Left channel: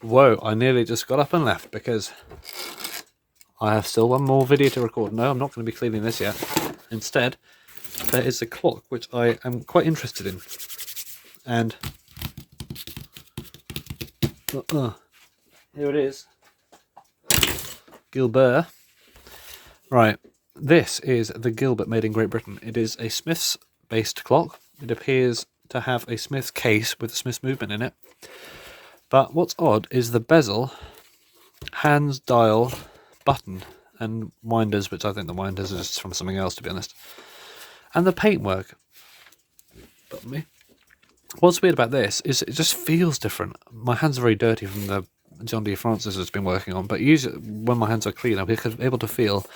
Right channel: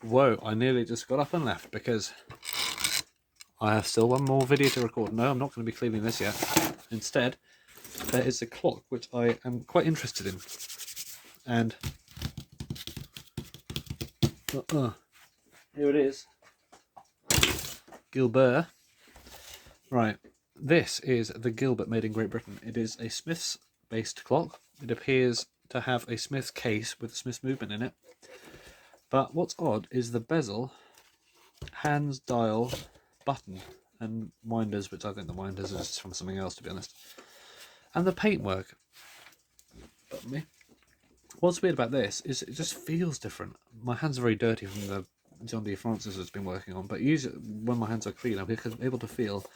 Whoa, I nearly just got up and left because I have still one more video to record. No, I'm not going to be cleaning this yet. Instead, there is a clock which I am quite interested in. And here it is. Gilbert. Right, this is the Gilbert made in Great Britain. It is a Smith's based clock. It appears to have a Smith's case with a Smith's movement in it. But what's odd is the bezel, hands, dial, button, and winders, which I think the winders are just from something else, to be honest. And the paintwork. Pardon me. What's weird about this is it just feels different. My hands are very dirty from the John D. Francis has been working on, but usually when my hands are clean, I'm able to feel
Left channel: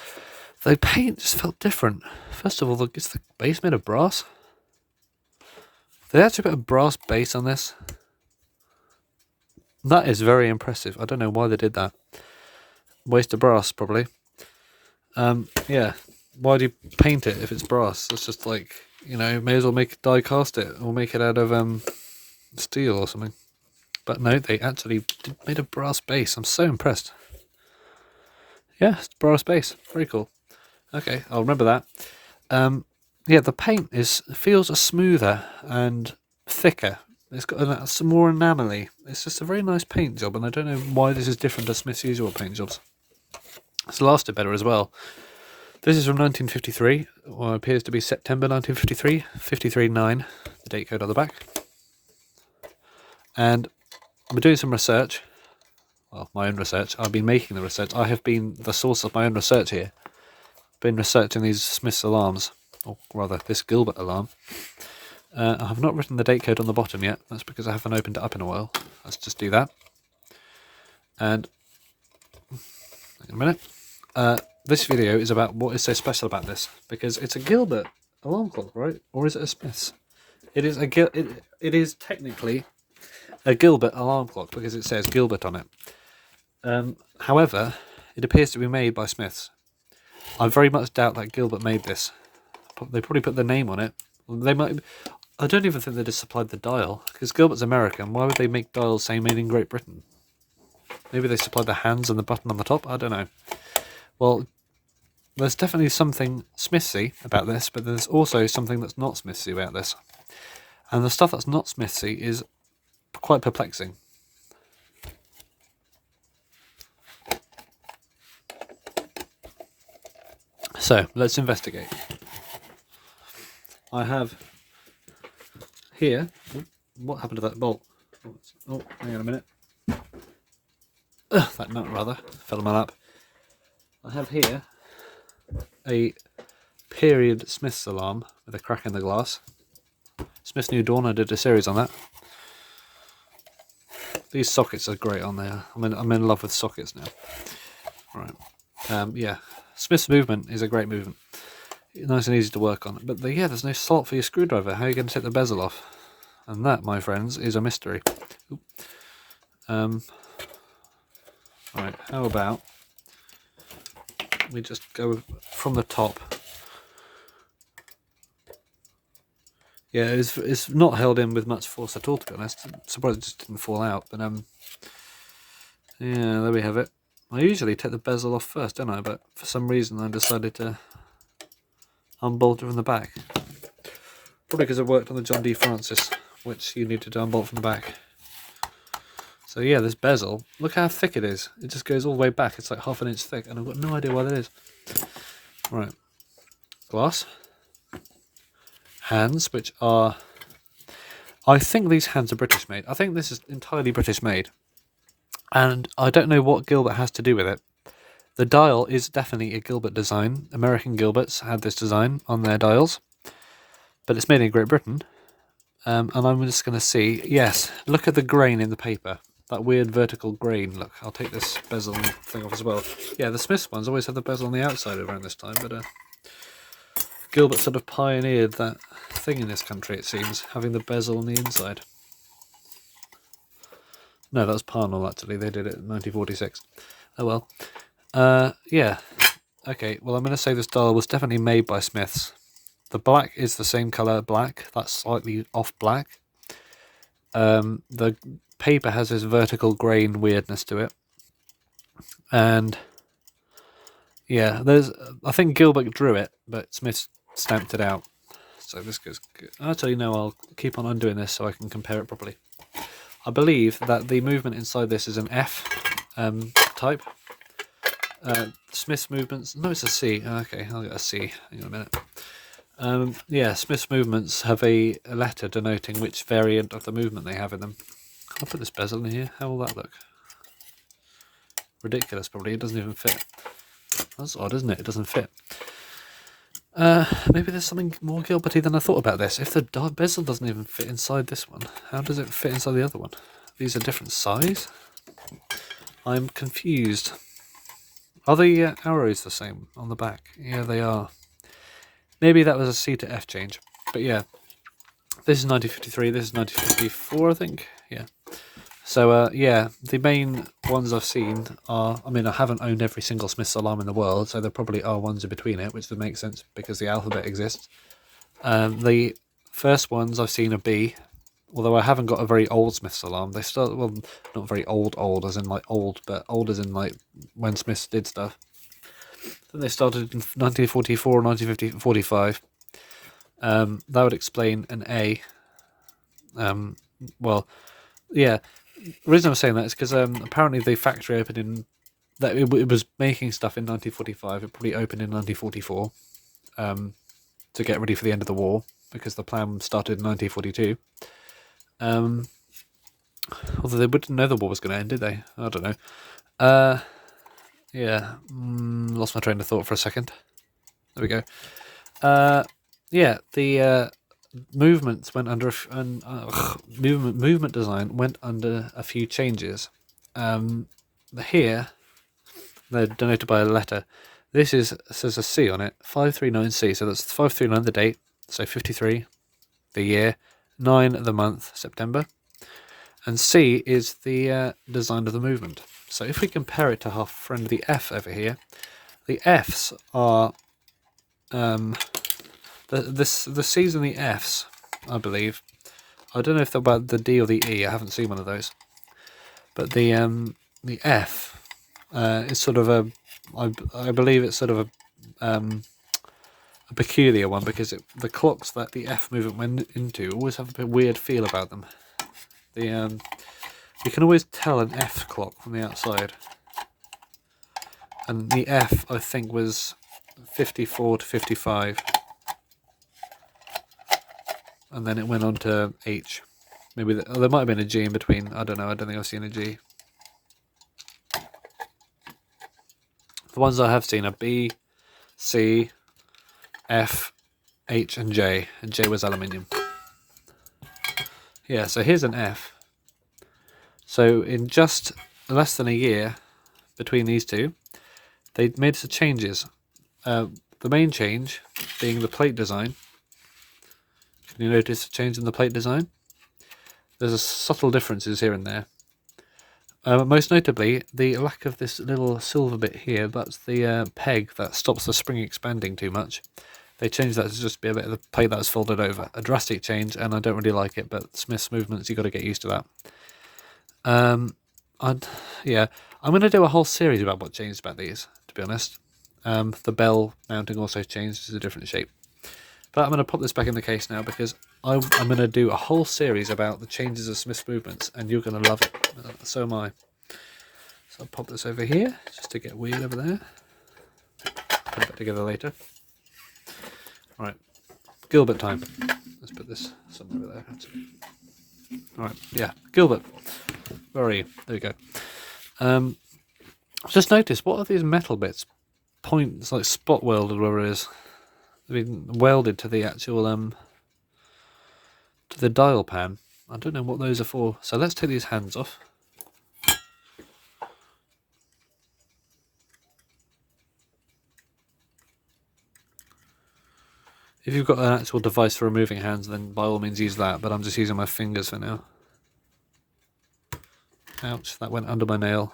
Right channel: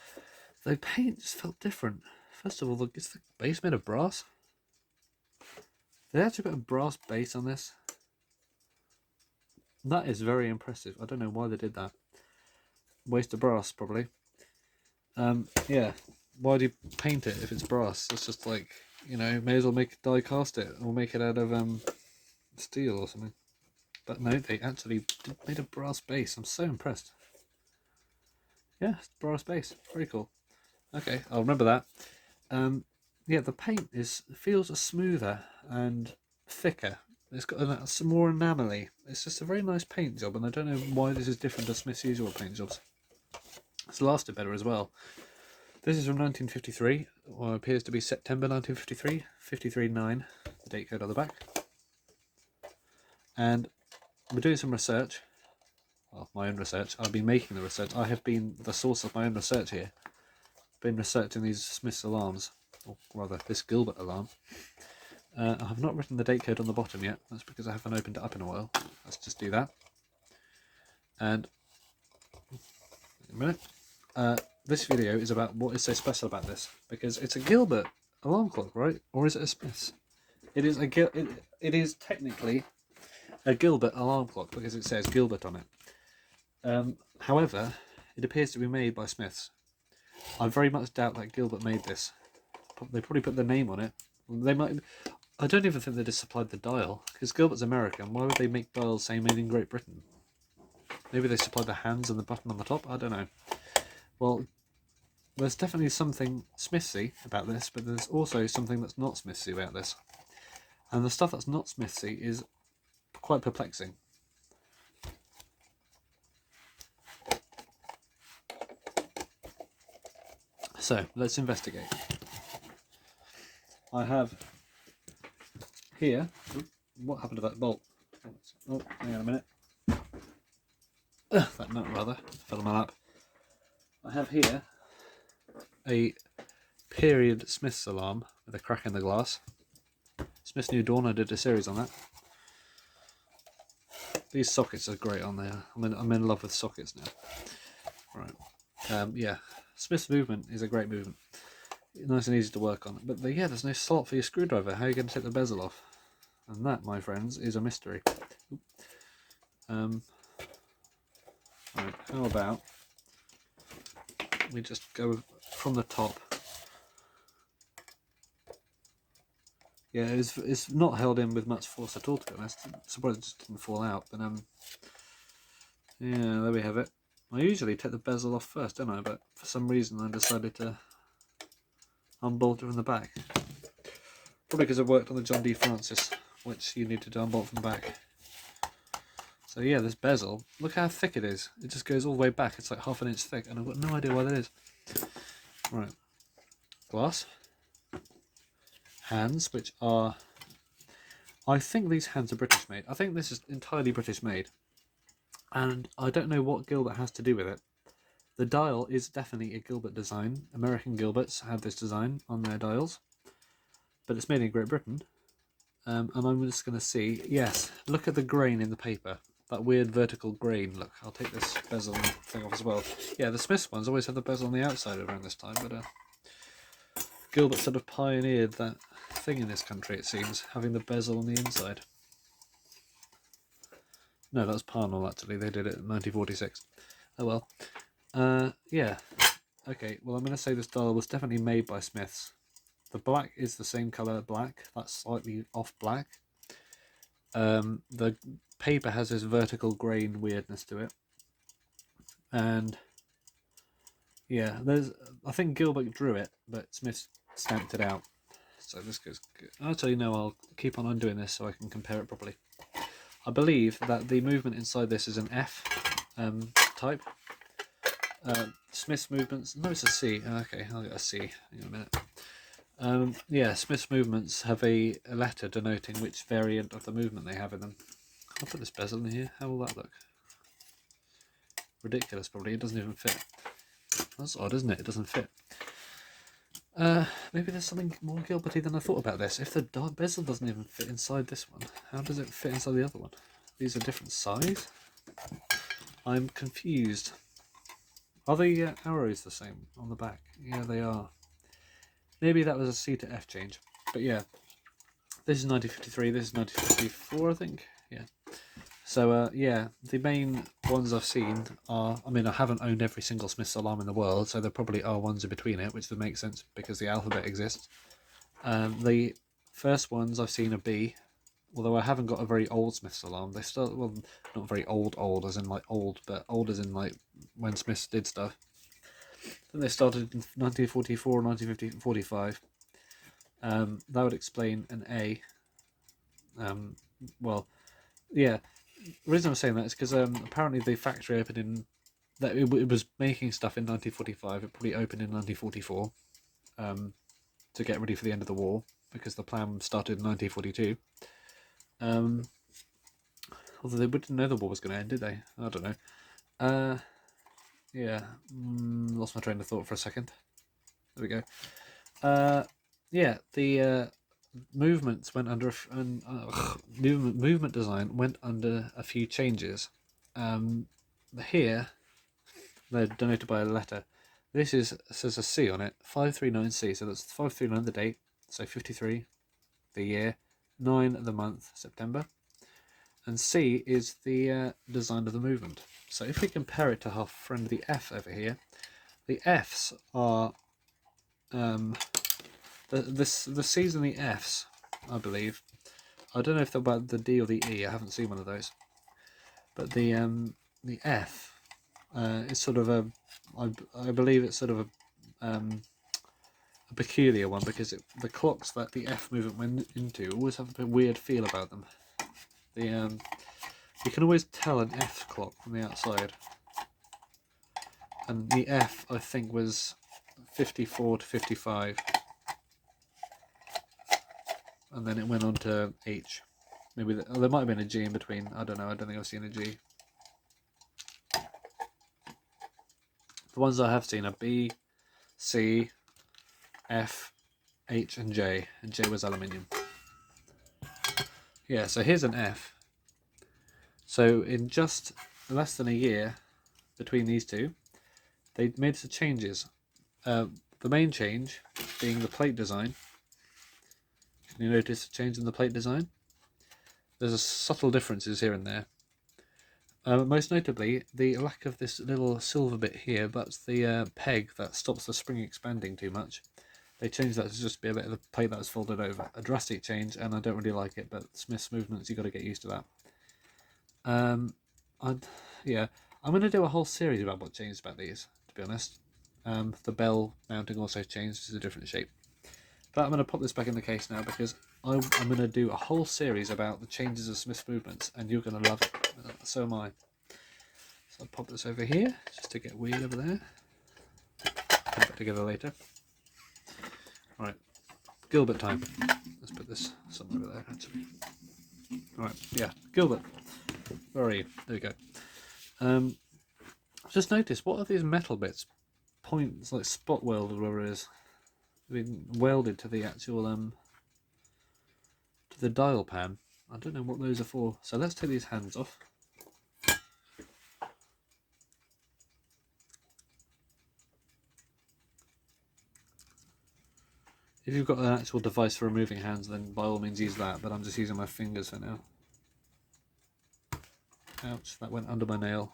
the paint just felt different. First of all, is the base made of brass? They actually put a brass base on this. That is very impressive. I don't know why they did that. Waste of brass, probably. Yeah. Why do you paint it if it's brass? It's just like, you know, may as well die cast it or make it out of steel or something. But no, they actually made a brass base. I'm so impressed. Yeah, it's brass base. Very cool. Okay, I'll remember that. Yeah, the paint feels smoother and thicker. It's got some more enamel-y. It's just a very nice paint job, and I don't know why this is different to Smith's usual paint jobs. It's lasted better as well. This is from 1953, or appears to be September 1953, 53.9, the date code on the back. And I'm doing some research. Well, my own research. I've been making the research. I have been the source of my own research here. Been researching these Smith's alarms, or rather, this Gilbert alarm. I have not written the date code on the bottom yet. That's because I haven't opened it up in a while. Let's just do that. And in a minute. This video is about what is so special about this, because it's a Gilbert alarm clock, right? Or is it a Smith's? It is it is technically a Gilbert alarm clock because it says Gilbert on it. However, it appears to be made by Smith's. I very much doubt that Gilbert made this. They probably put their name on it. They might. I don't even think they just supplied the dial, because Gilbert's American. Why would they make dials saying made in Great Britain? Maybe they supplied the hands and the button on the top. I don't know. Well, there's definitely something Smithsy about this, but there's also something that's not Smithsy about this. And the stuff that's not Smithsy is quite perplexing. So, let's investigate. I have here... What happened to that bolt? Oh, hang on a minute. That nut, rather, fell on my lap. I have here a period Smith's alarm with a crack in the glass. Smith's New Dawn, I did a series on that. These sockets are great on there. I'm in love with sockets now. Right. Yeah, Smith's movement is a great movement. Nice and easy to work on. But yeah, there's no slot for your screwdriver. How are you going to take the bezel off? And that, my friends, is a mystery. Right, how about we just go from the top. Yeah, it's not held in with much force at all, to be honest. I'm surprised it just didn't fall out, but yeah, there we have it. I usually take the bezel off first, don't I? But for some reason I decided to unbolt it from the back. Probably because I worked on the John D. Francis, which you needed to unbolt from the back. So yeah, this bezel, look how thick it is. It just goes all the way back. It's like half an inch thick, and I've got no idea why that is. Right. Glass. Hands, which are... I think these hands are British made. I think this is entirely British made. And I don't know what Gilbert has to do with it. The dial is definitely a Gilbert design. American Gilberts had this design on their dials. But it's made in Great Britain. And I'm just going to see... Yes, look at the grain in the paper. That weird vertical grain. Look, I'll take this bezel thing off as well. Yeah, the Smiths ones always have the bezel on the outside around this time, but Gilbert sort of pioneered that thing in this country, it seems, having the bezel on the inside. No, that was Parnell, actually. They did it in 1946. Oh well. Yeah. Okay, well, I'm going to say this dial was definitely made by Smiths. The black is the same colour black. That's slightly off black. The paper has this vertical grain weirdness to it. And yeah, I think Gilbert drew it, but Smith stamped it out. So this goes good. Actually, no, I'll keep on undoing this so I can compare it properly. I believe that the movement inside this is an F type. Smith's movements, no, it's a C. Okay, I'll get a C. Hang on a minute. Yeah, Smith's movements have a letter denoting which variant of the movement they have in them. I'll put this bezel in here. How will that look? Ridiculous, probably. It doesn't even fit. That's odd, isn't it? It doesn't fit. Maybe there's something more Gilberty than I thought about this. If the bezel doesn't even fit inside this one, how does it fit inside the other one? These are different size? I'm confused. Are the arrows the same on the back? Yeah, they are. Maybe that was a C to F change. But yeah, this is 1953, this is 1954, I think. Yeah. So, yeah, the main ones I've seen are... I mean, I haven't owned every single Smith's alarm in the world, so there probably are ones in between it, which would make sense because the alphabet exists. The first ones I've seen are B, although I haven't got a very old Smith's alarm. They start... Well, not very old as in, like, old, but old as in, like, when Smiths did stuff. Then they started in 1944 or 1945. That would explain an A. Well, yeah... The reason I'm saying that is because apparently the factory opened in... that it was making stuff in 1945. It probably opened in 1944 to get ready for the end of the war, because the plan started in 1942. Although they wouldn't know the war was going to end, did they? I don't know. Yeah, lost my train of thought for a second. There we go. Yeah, the movements went under movement design went under a few changes. Here they're denoted by a letter. This says a C on it, 539C. So that's 539 the date, so 53 the year, 9 the month, September, and C is the design of the movement. So if we compare it to our friend the F over here, the Fs are the C's and the Fs, I believe. I don't know if they're about the D or the E. I haven't seen one of those. But the F is sort of a, I believe it's sort of a peculiar one, because the clocks that the F movement went into always have a bit weird feel about them. You can always tell an F clock from the outside. And the F, I think, was 54 to 55. And then it went on to H. Maybe there might have been a G in between. I don't know. I don't think I've seen a G. The ones I have seen are B, C, F, H, and J. And J was aluminium. Yeah, so here's an F. So in just less than a year between these two, they made some changes. The main change being the plate design. Can you notice a change in the plate design? There's subtle differences here and there. Most notably, the lack of this little silver bit here. That's the peg that stops the spring expanding too much. They changed that to just be a bit of the plate that's folded over. A drastic change, and I don't really like it, but Smith's movements, you've got to get used to that. Yeah, I'm going to do a whole series about what changed about these, to be honest. The bell mounting also changed to a different shape. But I'm going to pop this back in the case now, because I'm going to do a whole series about the changes of Smith's movements, and you're going to love it. So am I. So I'll pop this over here, just to get weird over there. Put it back together later. Alright, Gilbert time. Let's put this somewhere over there, actually. Alright, yeah, Gilbert. Where are you? There we go. Just notice, what are these metal bits? Points, like spot welded, whatever it is. They've been welded to the actual, to the dial pan. I don't know what those are for. So let's take these hands off. If you've got an actual device for removing hands, then by all means use that, but I'm just using my fingers for now. Ouch, that went under my nail.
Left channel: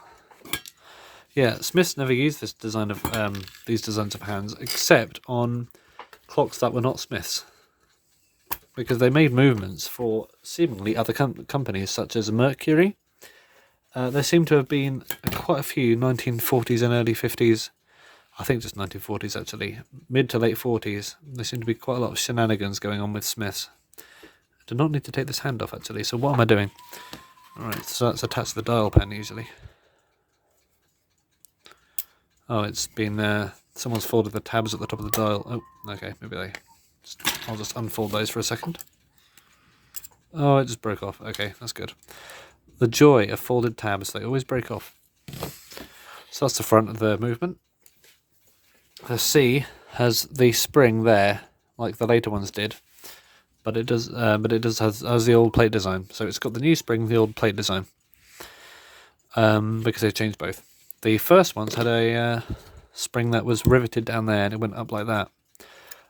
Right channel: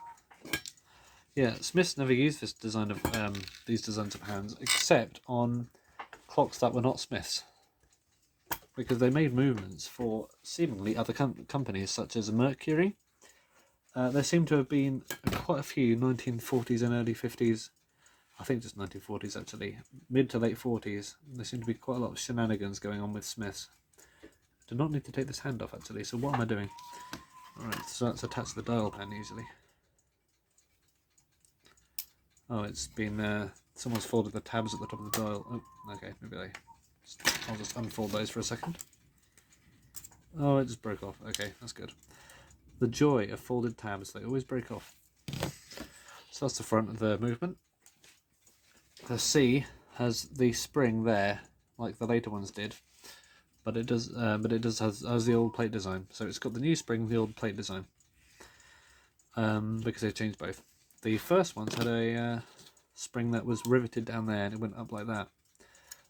Yeah, Smiths never used this design of these designs of hands, except on clocks that were not Smiths. because they made movements for seemingly other companies such as Mercury. There seem to have been quite a few 1940s and early 50s, I think just 1940s actually, mid to late 40s. There seem to be quite a lot of shenanigans going on with Smiths. I do not need to take this hand off actually, so what am I doing? Alright, so that's attached to the dial pen usually. Oh, it's been, someone's folded the tabs at the top of the dial. Oh, okay, maybe I'll just unfold those for a second. Oh, it just broke off. Okay, that's good. The joy of folded tabs, they always break off. So that's the front of the movement. The C has the spring there, like the later ones did, but it does has the old plate design. So it's got the new spring, the old plate design, because they've changed both. The first ones had a spring that was riveted down there, and it went up like that.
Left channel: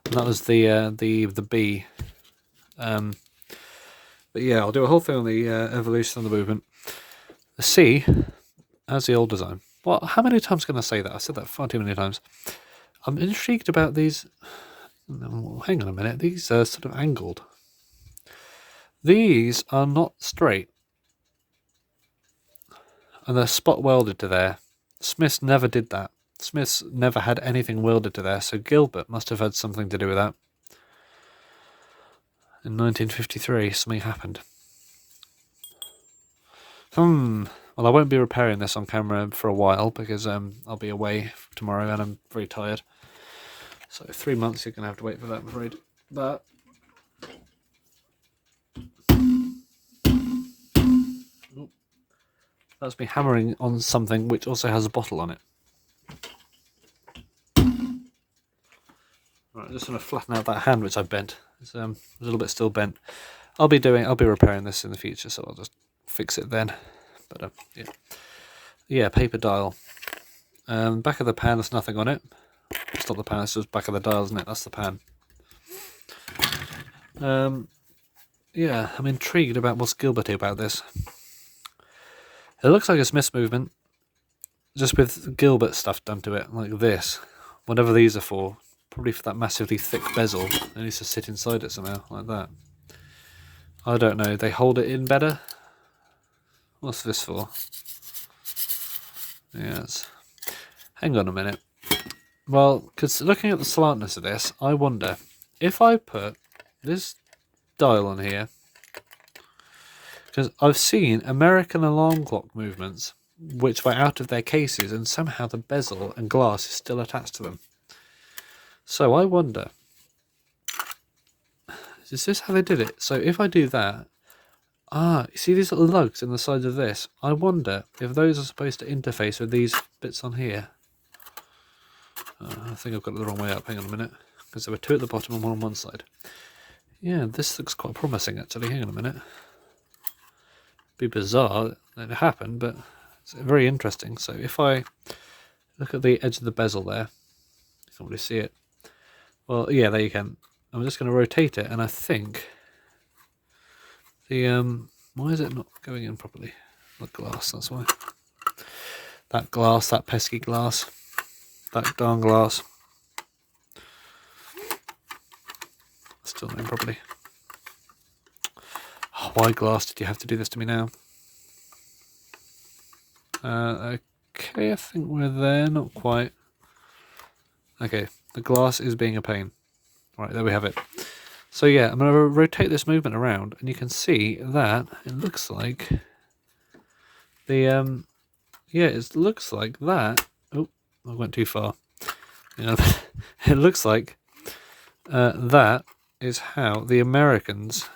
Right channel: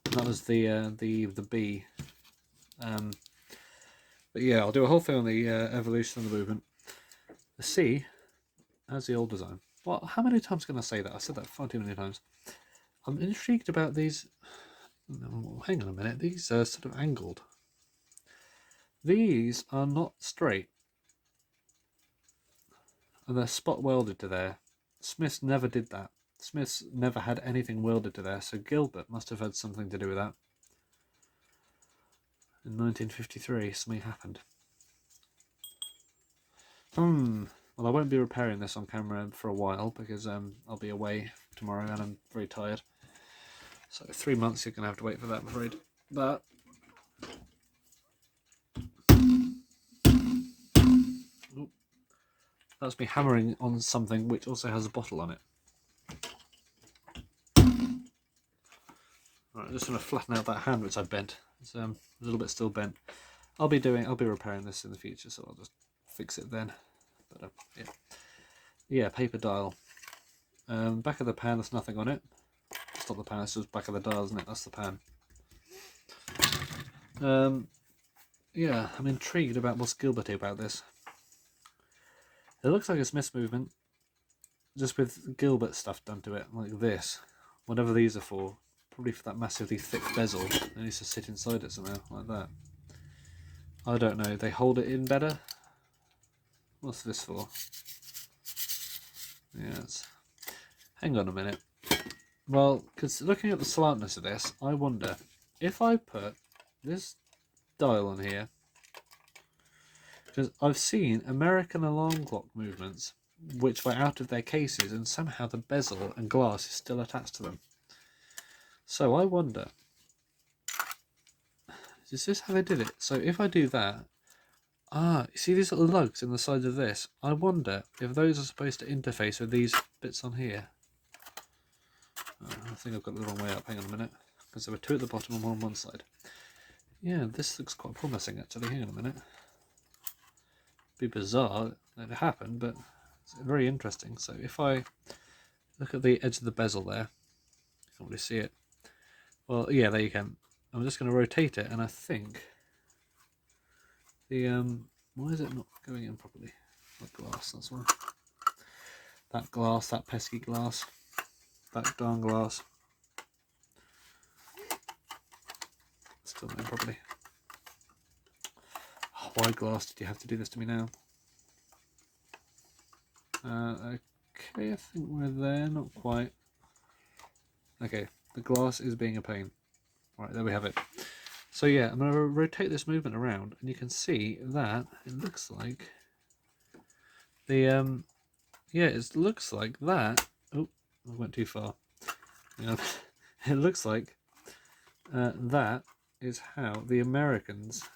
And that was the B. But yeah, I'll do a whole thing on the evolution of the movement. The C has the old design. Well, how many times can I say that? I've said that far too many times. I'm intrigued about these. Hang on a minute. These are sort of angled. These are not straight. And they're spot welded to there. Smiths never did that. Smiths never had anything welded to there, so Gilbert must have had something to do with that. In 1953, something happened. Well, I won't be repairing this on camera for a while because I'll be away tomorrow and I'm very tired. So 3 months you're going to have to wait for that, I'm afraid. But that's me hammering on something which also has a bottle on it. Right, I'm just going to flatten out that hand which I've bent. It's a little bit still bent. I'll be repairing this in the future, so I'll just fix it then. But yeah, paper dial. Back of the pan, there's nothing on it. It's not the pan, it's just back of the dial, isn't it? That's the pan. Yeah, I'm intrigued about what's Gilberty about this. It looks like a Smith's movement, just with Gilbert stuff done to it, like this. Whatever these are for, probably for that massively thick bezel. It needs to sit inside it somehow, like that. I don't know, they hold it in better? What's this for? Yes. Hang on a minute. Well, because looking at the slantness of this, I wonder if I put this dial on here, because I've seen American alarm clock movements which were out of their cases and somehow the bezel and glass is still attached to them. So I wonder, is this how they did it? So if I do that, you see these little lugs in the sides of this? I wonder if those are supposed to interface with these bits on here. I think I've got it the wrong way up. Hang on a minute. Because there were two at the bottom and one on one side. Yeah, this looks quite promising actually. Hang on a minute. Be bizarre that it happened, but it's very interesting. So if I look at the edge of the bezel there, you can't really see it. Well, yeah, there you can. I'm just going to rotate it, and I think the why is it not going in properly? The glass, that's why. That glass, that pesky glass, that darn glass. Still not in properly. Oh, why glass did you have to do this to me now? Okay, I think we're there, not quite. Okay, the glass is being a pain. Right, there we have it. So yeah, I'm going to rotate this movement around, and you can see that it looks like the yeah, it looks like that. Oh, I went too far. Yeah, it looks like that is how the Americans,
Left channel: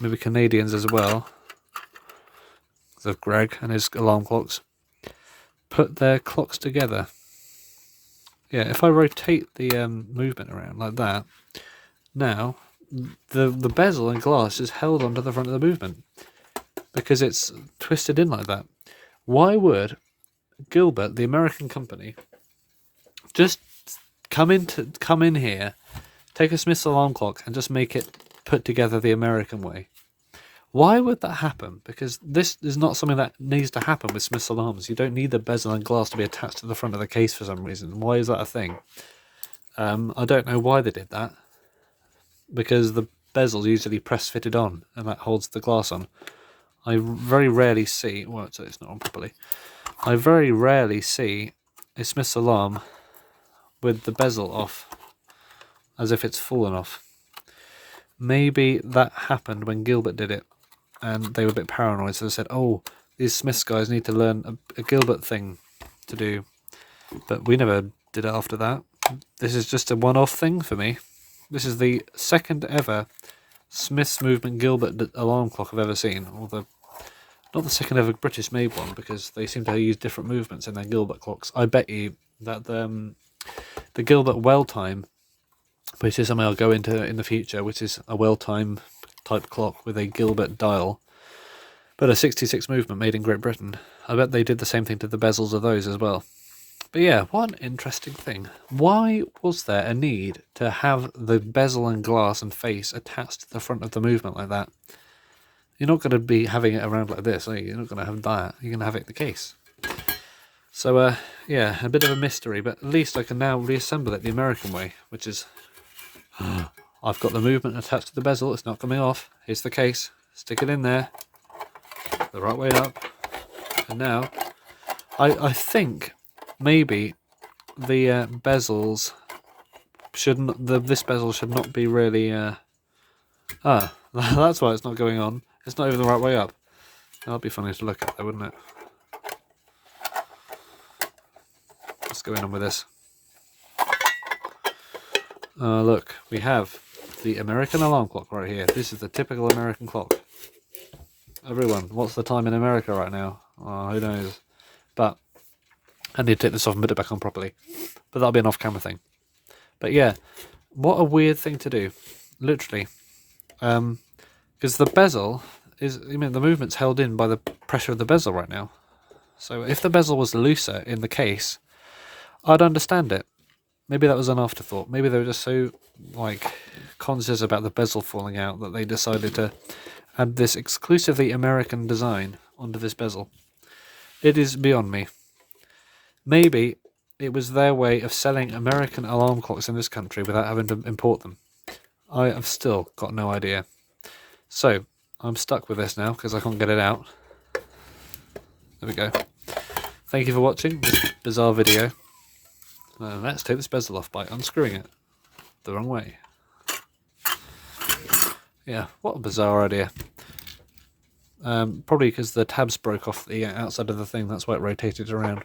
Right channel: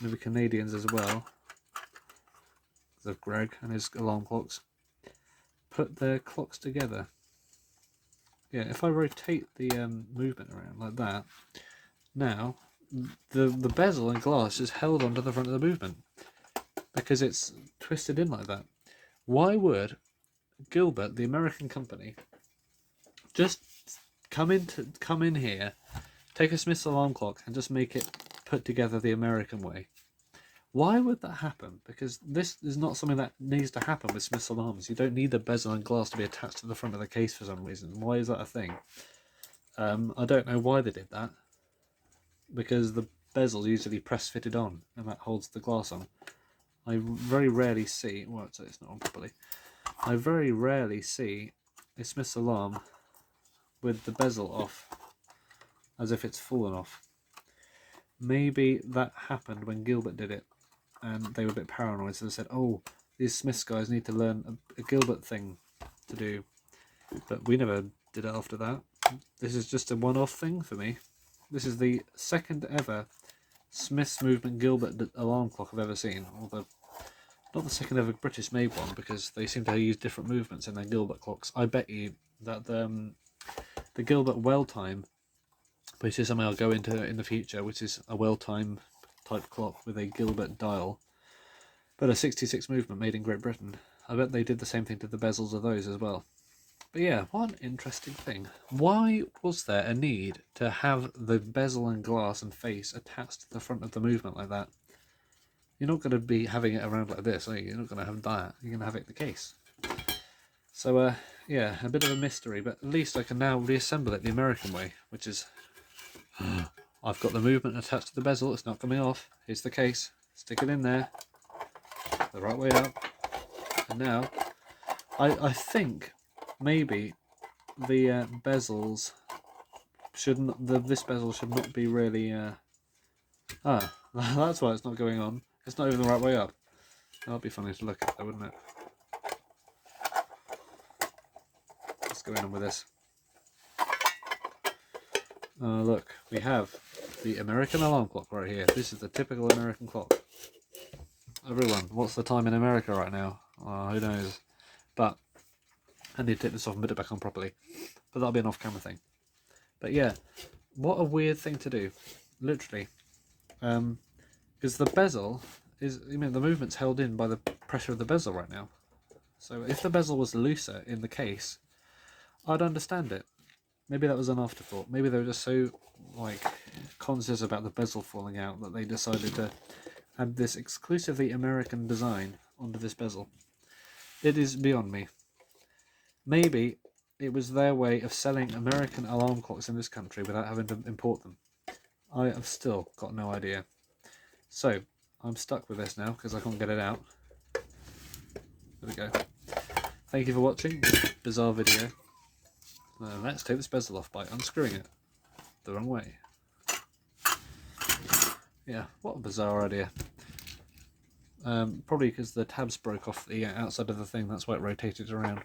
maybe Canadians as well, of Greg and his alarm clocks, put their clocks together. Yeah, if I rotate the movement around like that, now the bezel and glass is held onto the front of the movement because it's twisted in like that. Why would Gilbert, the American company, just come in here, take a Smith's alarm clock and just make it put together the American way? Why would that happen? Because this is not something that needs to happen with Smith's alarms. You don't need the bezel and glass to be attached to the front of the case for some reason. Why is that a thing? I don't know why they did that. because the bezel's usually press fitted on, and that holds the glass on. I very rarely see, well, it's not on properly. I very rarely see a Smith's alarm with the bezel off, as if it's fallen off. Maybe that happened when Gilbert did it, and they were a bit paranoid, so they said, oh, these Smiths guys need to learn a Gilbert thing to do. But we never did it after that. This is just a one-off thing for me. This is the second ever Smiths movement Gilbert alarm clock I've ever seen. Although, not the second ever British made one, because they seem to use different movements in their Gilbert clocks. I bet you that the Gilbert well time, which is something I'll go into in the future, which is a well time type clock with a Gilbert dial, but a 66 movement made in Great Britain. I bet they did the same thing to the bezels of those as well. But yeah, what an interesting thing. Why was there a need to have the bezel and glass and face attached to the front of the movement like that? You're not going to be having it around like this, are you? You're not going to have that. You're going to have it in the case. So, yeah, a bit of a mystery, but at least I can now reassemble it the American way, which is... I've got the movement attached to the bezel. It's not coming off. Here's the case. Stick it in there. The right way up. And now, I think... maybe the bezels shouldn't. This bezel should not be really. That's why it's not going on. It's not even the right way up. That'd be funny to look at, though, wouldn't it? What's going on with this? Look, we have the American alarm clock right here. This is the typical American clock. Everyone, what's the time in America right now? Who knows? But I need to take this off and put it back on properly. But that'll be an off-camera thing. But yeah, what a weird thing to do. Literally. Because the bezel is... the movement's held in by the pressure of the bezel right now. So if the bezel was looser in the case, I'd understand it. Maybe that was an afterthought. Maybe they were just so, conscious about the bezel falling out that they decided to add this exclusively American design onto this bezel. It is beyond me. Maybe it was their way of selling American alarm clocks in this country without having to import them. I have still got no idea. So, I'm stuck with this now because I can't get it out. There we go. Thank you for watching this bizarre video. Let's take this bezel off by unscrewing it the wrong way. Yeah, what a bizarre idea. Probably because the tabs broke off the outside of the thing, that's why it rotated around.